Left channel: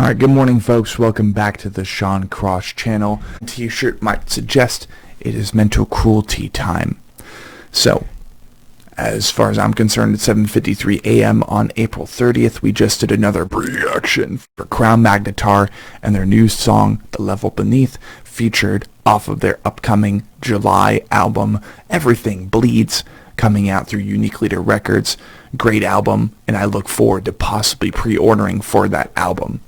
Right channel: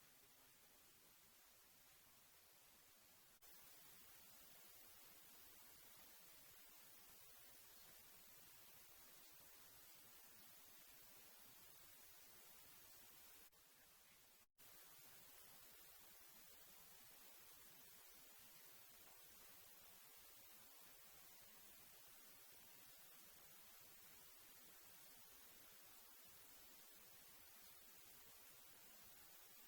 Alright, good morning folks, welcome back to the Sean Cross channel. T-shirt might suggest it is mental cruelty time. So, as far as I'm concerned, at 7:53 a.m. on April 30th, we just did another reaction for Crown Magnetar and their new song, The Level Beneath, featured off of their upcoming July album, Everything Bleeds, coming out through Unique Leader Records. Great album, and I look forward to possibly pre-ordering for that album.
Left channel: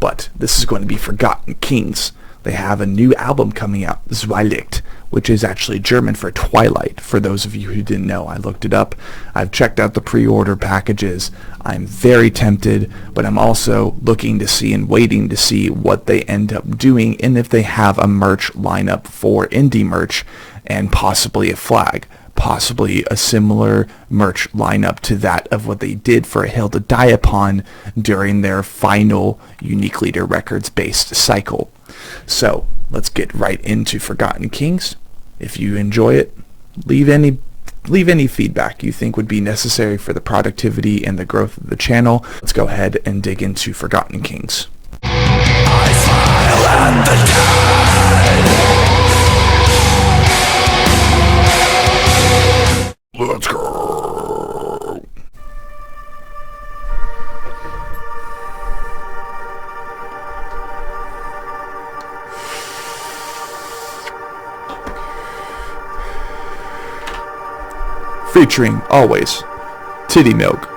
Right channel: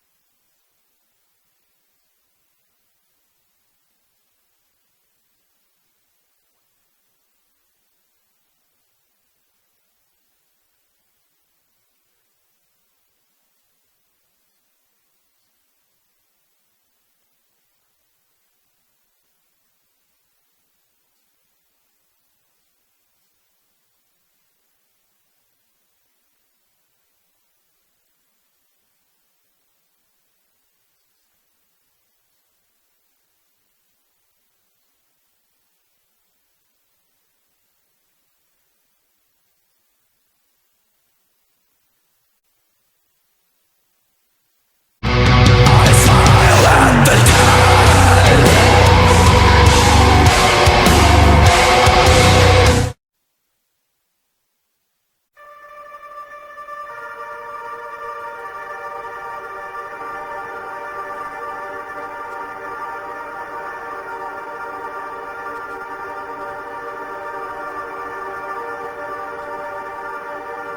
But this is going to be Forgotten Kings. They have a new album coming out, Zweilicht, which is actually German for Twilight. For those of you who didn't know, I looked it up. I've checked out the pre-order packages. I'm very tempted, but I'm also looking to see and waiting to see what they end up doing and if they have a merch lineup for indie merch and possibly a flag. Possibly a similar merch lineup to that of what they did for A Hill to Die Upon during their final Unique Leader Records based cycle. So let's get right into Forgotten Kings. If you enjoy it, leave any feedback you think would be necessary for the productivity and the growth of the channel. Let's go ahead and dig into Forgotten Kings. I smile at the dead. Let's go. Featuring, always, Titty Milk.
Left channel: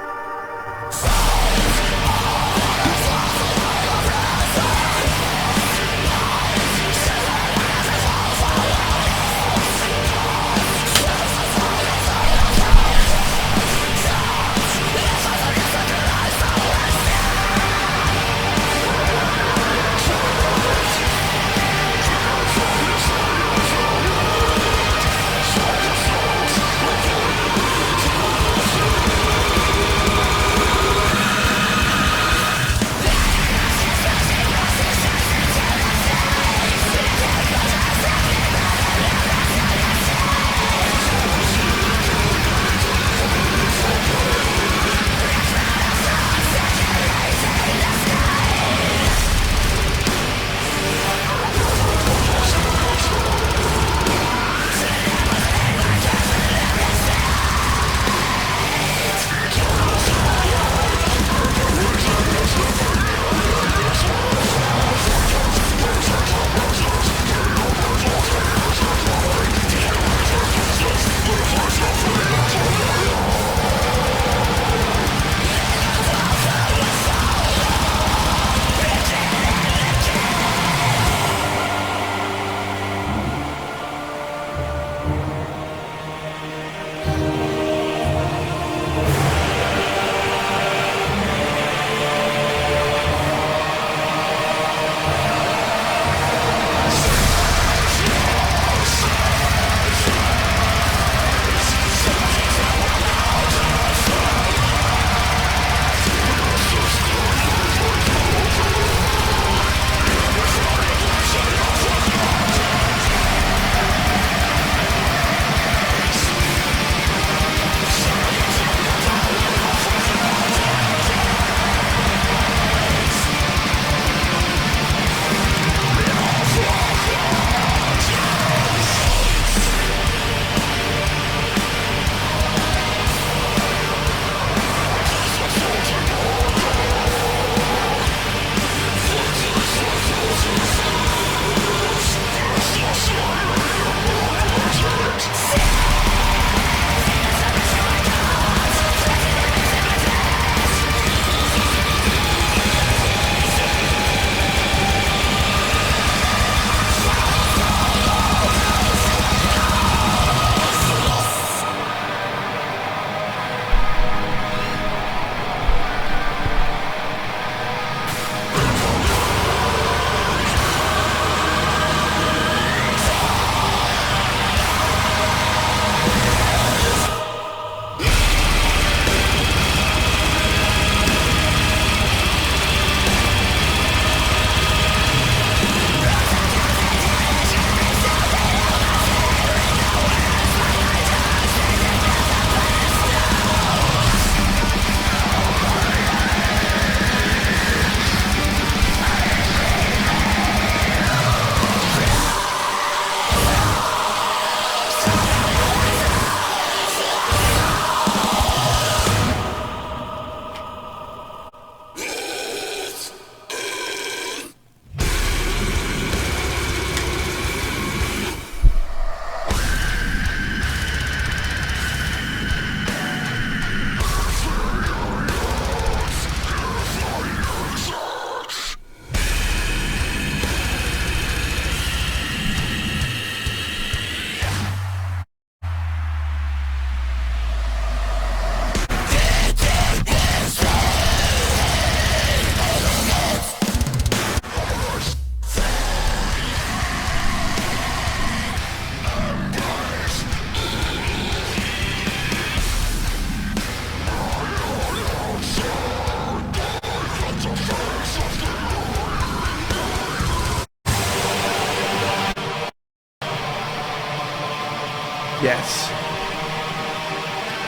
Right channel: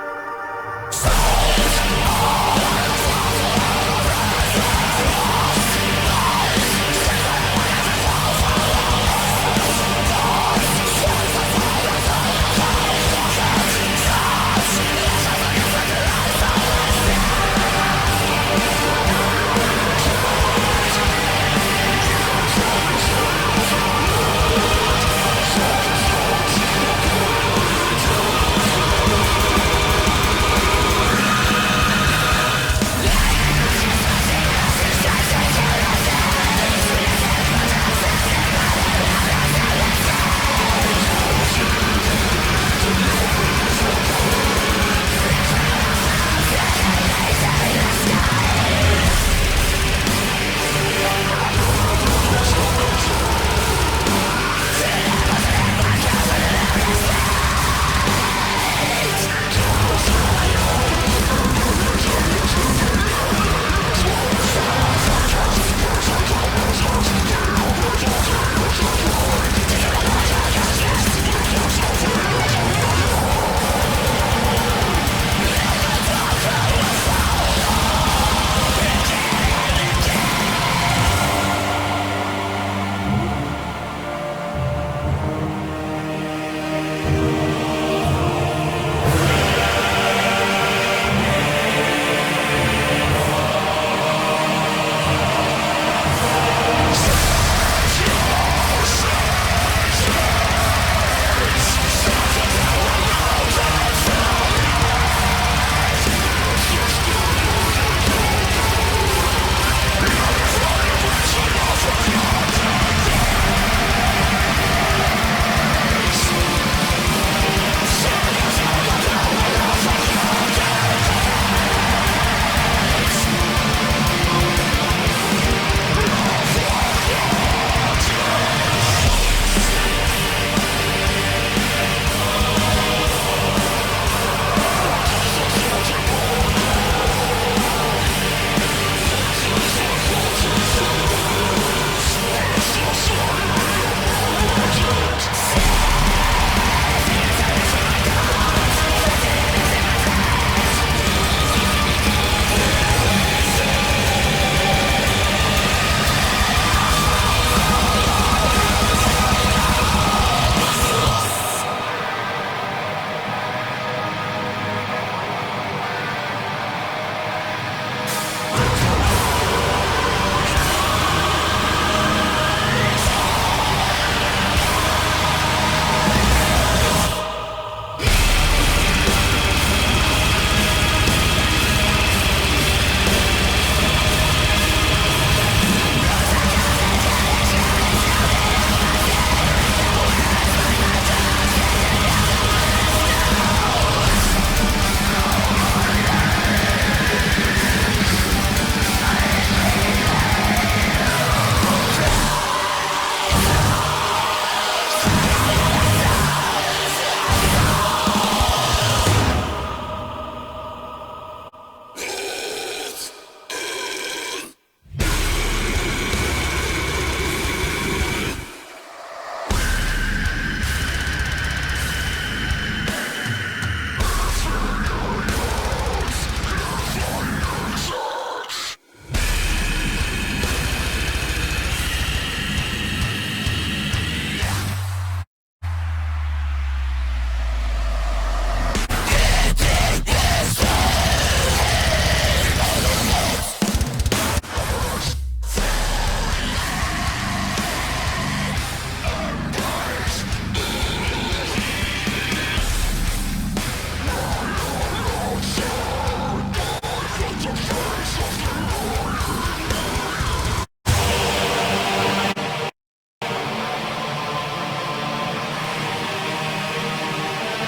Yes.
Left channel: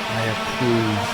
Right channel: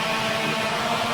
I approve.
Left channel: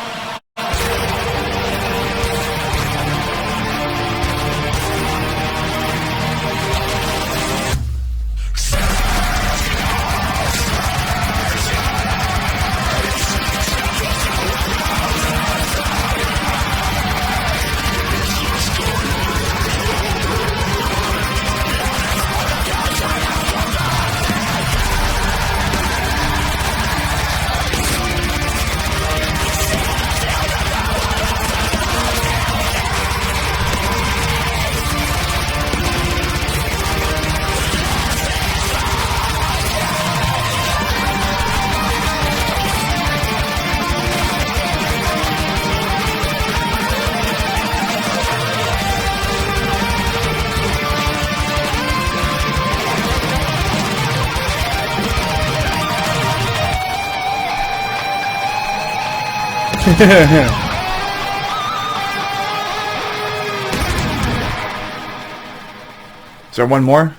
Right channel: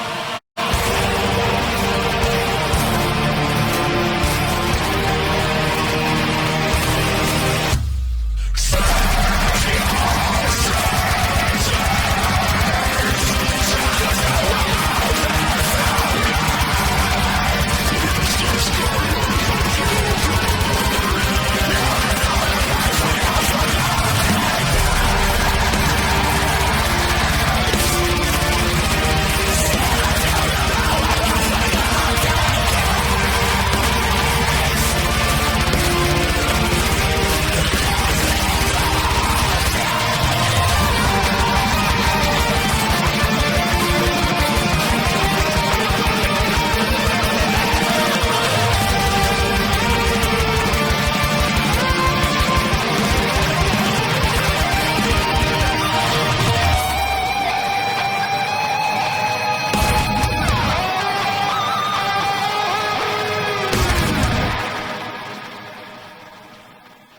Is there one more?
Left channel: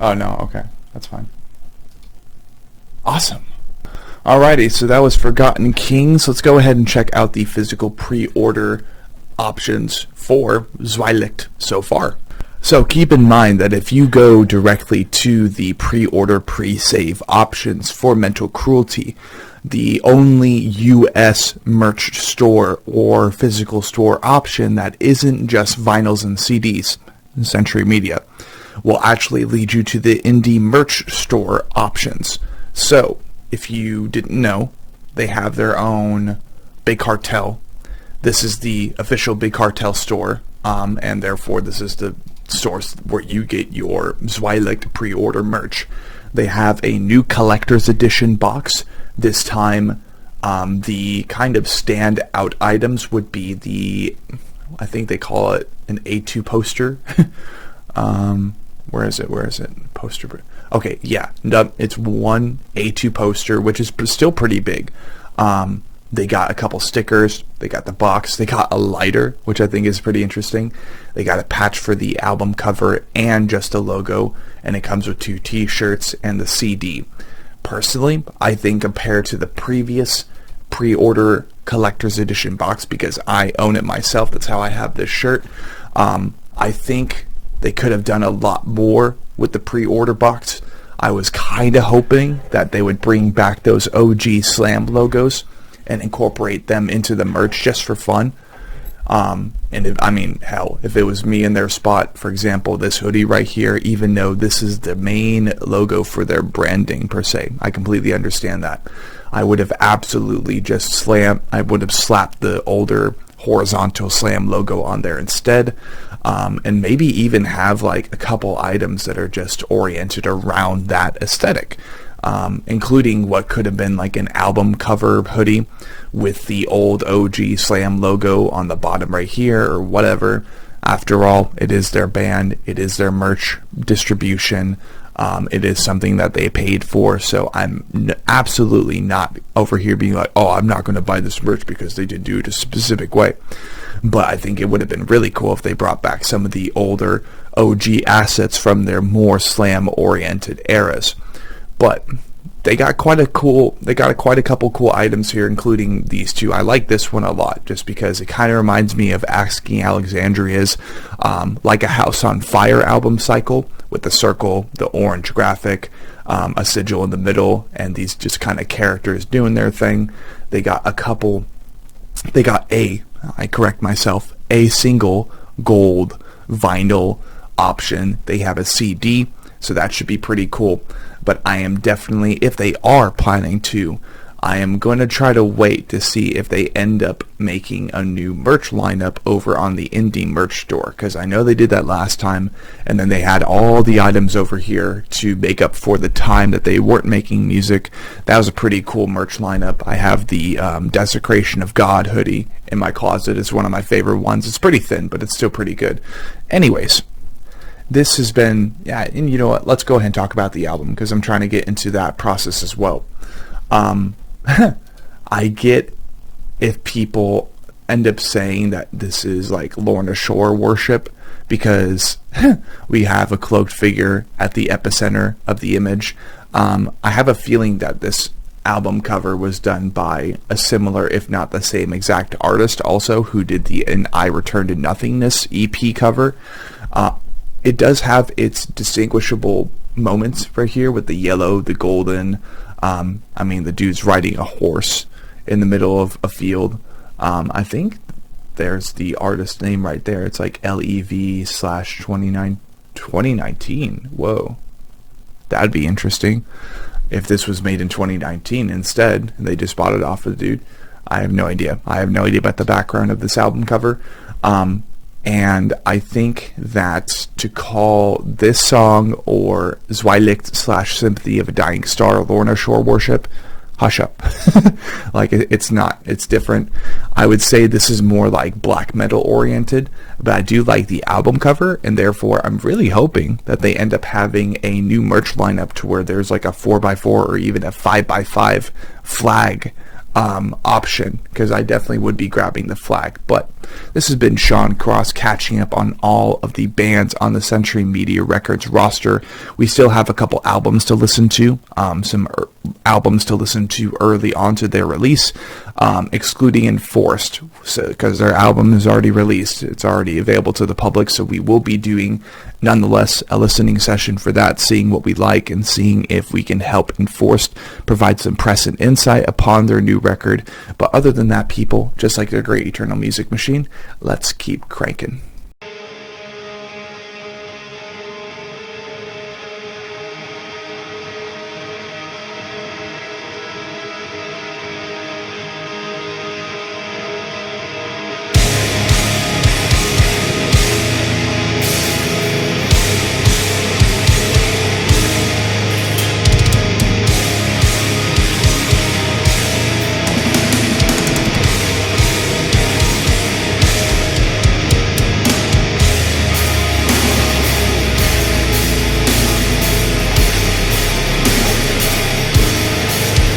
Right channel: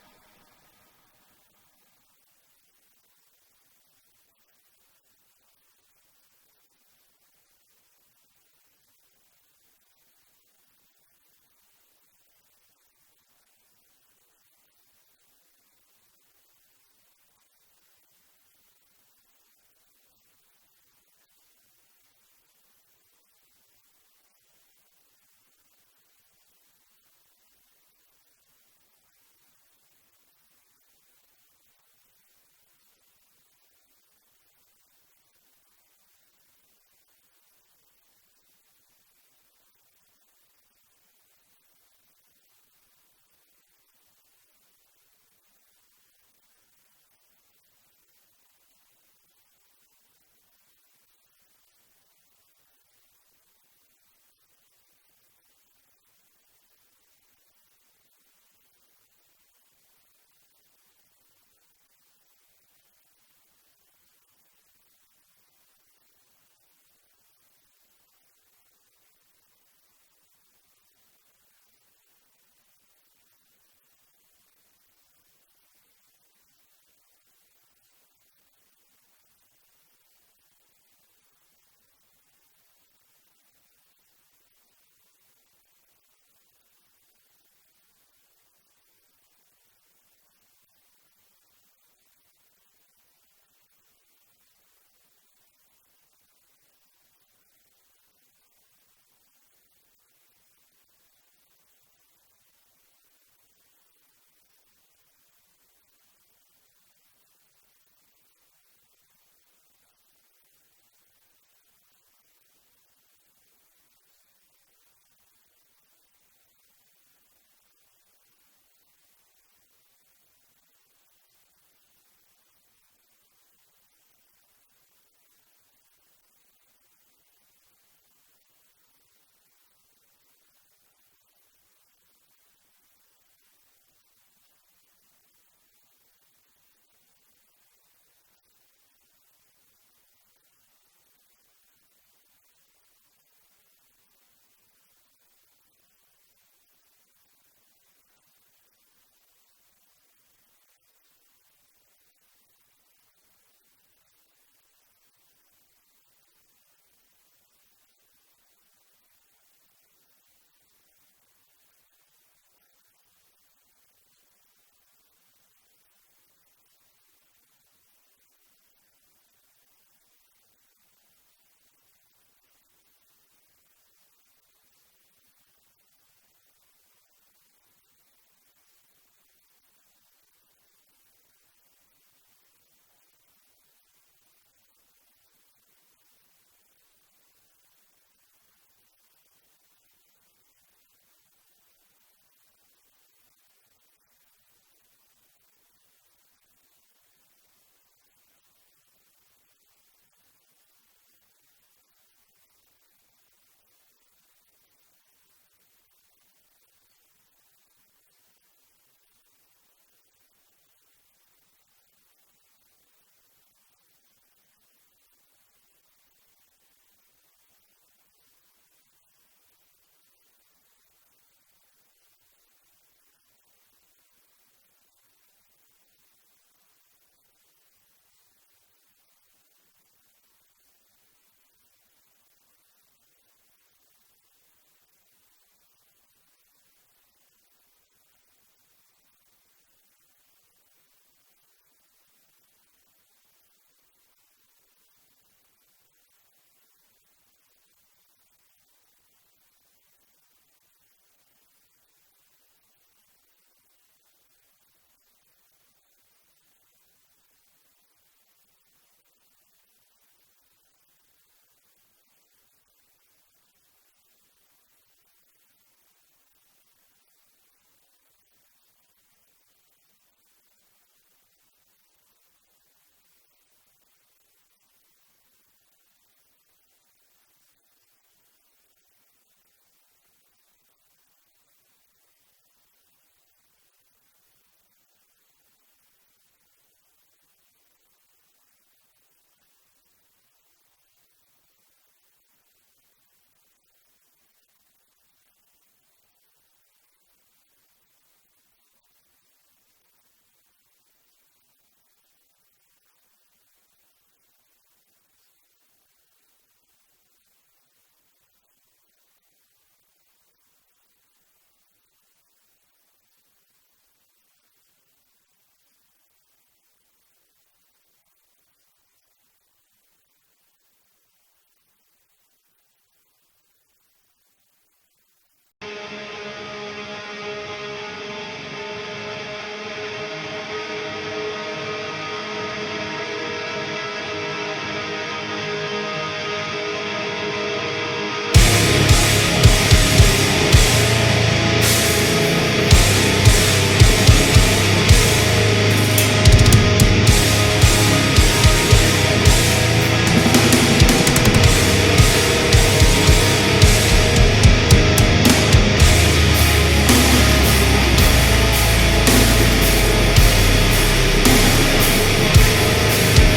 Oh no, okay. That's fine. Awesome. Alrighty, so that was Forgotten Kings. Let's go ahead and check out the physical pre-order options for Zweilicht so far. So keep in mind that if you go directly to the pre-order pre-save options for Mental Cruelty, the only US merch store or physical store option that isn't just vinyls and CDs, Century Media, will actually lead you to the indie merch store options. So if you didn't know, they have their own Big Cartel. This is the official Big Cartel store, and therefore this is the source where you get your Zweilicht pre-order merch. They have a new collector's edition box. This time, the kind of standout items would be the, I think they call it an A2 poster. Where is it? Poster. Okay, yeah, it's one A2 poster, which is still pretty big. They got a couple stickers. They got the box. They got a lighter, which I think is pretty interesting. They got a patch for the album cover and just a logo, and it comes with 2 t-shirts and the CD. Personally, I think compared to the previous pre-order collector's edition box, because I own it myself, that's how I have this shirt, I think they could have done a lot more with the pre-order box. I was kind of hoping that they would bring back those OG Slam logos and incorporate them into the merch just for fun. And if it was me in their spot, for example, this hoodie right here, even though this is the main logo for their branding per se, I completely understand that. I would have absolutely I would have slapped the older horizontal Slam logo on there instead. And maybe even have like a couple items that are just oriented around that aesthetic, including what could have been like an album cover hoodie with the old OG Slam logo on the bottom right here or whatever. After all, it is their band, it is their merch distribution, it is something that they paid for, so I'm absolutely not over here being like, oh, I'm not going to buy this merch because they did do it a specific way. But I think it would have been really cool if they brought back some of the older OG assets from their more Slam-oriented eras. But they got quite a couple cool items here, including these two. I like this one a lot, just because it kind of reminds me of Asking Alexandria's Like a House on Fire album cycle, with the circle, the orange graphic, a sigil in the middle, and these just kind of characters doing their thing. They got a single gold vinyl option. They have a CD, so that should be pretty cool. But I am definitely, if they are planning to, I am going to try to wait to see if they end up making a new merch lineup over on the indie merch store, because I know they did that last time, and then they had all the items over here to make up for the time that they weren't making music. That was a pretty cool merch lineup. I have the Desecration of God hoodie in my closet. It's one of my favorite ones. It's pretty thin, but it's still pretty good. Anyways, this has been, yeah, and you know what, let's go ahead and talk about the album, because I'm trying to get into that process as well. I get if people end up saying that this is like Lorna Shore worship, because we have a cloaked figure at the epicenter of the image. I have a feeling that this album cover was done by a similar, if not the same exact artist also, who did the "And I Return to Nothingness" EP cover. It does have its distinguishable moments right here with the yellow, the golden. I mean, the dude's riding a horse in the middle of a field. I think there's the artist name right there. It's like LEV/2019. Whoa. That'd be interesting if this was made in 2019 instead, and they just bought it off of the dude. I have no idea. I have no idea about the background of this album cover. And I think that to call this song or Zweilicht/Sympathy of a Dying Star Lorna Shore Worship, hush up. Like, it's not. It's different. I would say this is more like black metal oriented, but I do like the album cover, and therefore I'm really hoping that they end up having a new merch lineup to where there's like a 4x4 or even a 5x5 flag option, because I definitely would be grabbing the flag. But this has been Sean Cross catching up on all of the bands on the Century Media Records roster. We still have a couple albums to listen to, some albums to listen to early on to their release, excluding Enforced, because their album is already released. It's already available to the public, so we will be doing, nonetheless, a listening session for that, seeing what we like and seeing if we can help Enforced provide some press and insight upon their new record. But other than that, people, just like their great Eternal Music Machine, let's keep cranking.